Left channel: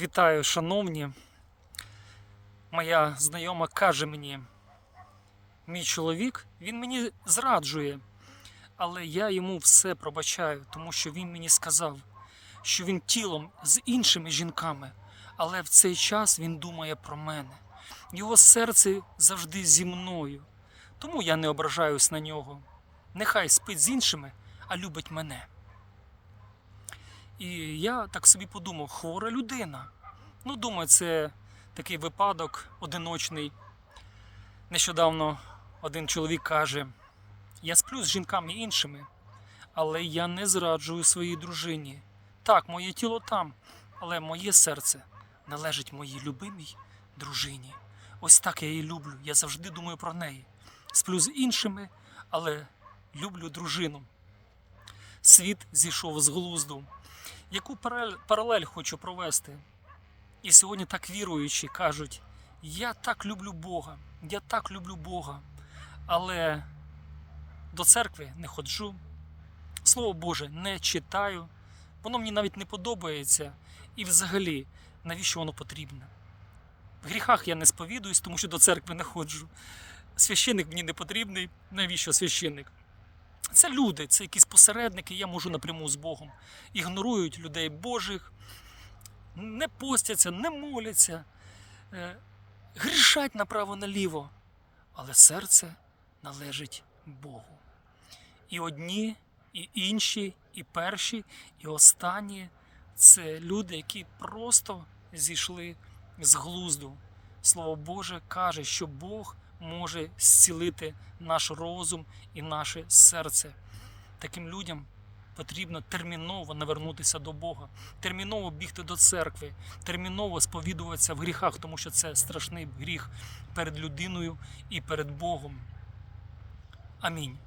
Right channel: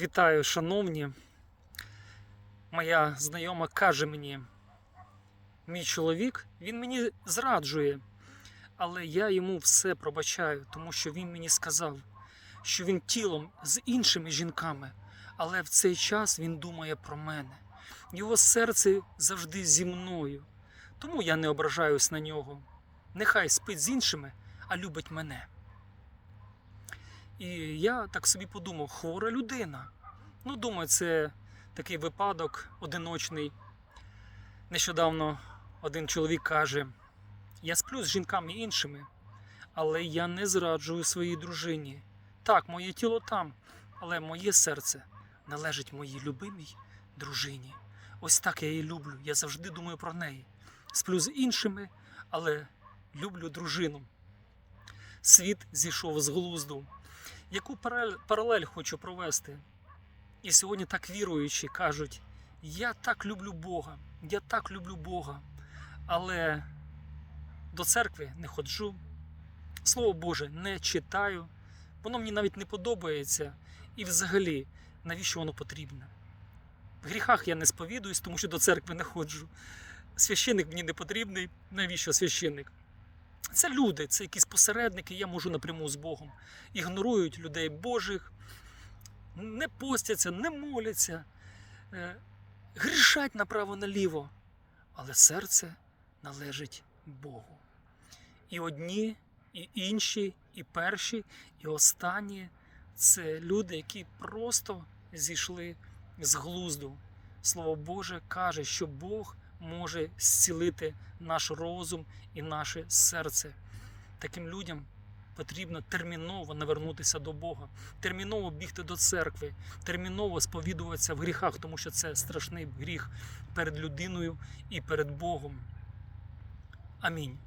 Вітаю, шановні. Моя знайома каже мені, мій чоловік, він мені зраджує, але я йому все пробачаю, тому що він мені сказав, що він тілом з іншими жінками, але в цей час він думає про мене. Його серце завжди зі мною. Тому я не ображаюсь на нього. Нехай спить з іншими, а любить мене. І я так собі подумав, хвора людина. Ну, думаю, це такий випадок одиночний. Нещодавно один чоловік каже: я сплю з жінками іншими, але я не зраджую своїй дружині. Так, моє тіло там, але моє серце належить моїй любимій дружині. Ось так я її люблю. Я завжди думаю про неї. Сплю з іншими, але люблю дружину. Світ зійшов з глузду. Яку паралель, хочу провести? І сьогодні так віруючі кажуть: я так люблю Бога, я так люблю Бога, але до церкви не ходжу, Слово Боже не читаю, воно мені навіть не подобається. І взагалі, навіщо воно потрібно? В гріхах я не сповідуюсь, тому що до церкви не ходжу. Священник мені не потрібний. Навіщо священник? Це люди, це якісь посередники, я можу напряму з Богом. Ігнорують людей Божих, не постяться, не моляться, е, грішать направо-наліво. Але серце належить Богу. І одні, і інші, і перші, і останні це люди, які просто зійшли з глузду. Слово Боже каже, що Бог може зцілити наш розум і наше серце. Таким людям потрібно терміново навернутися до Бога, терміново бігти до церкви, терміново сповідуватися в гріхах, тому що це страшний гріх перед людиною і перед Богом. Амінь.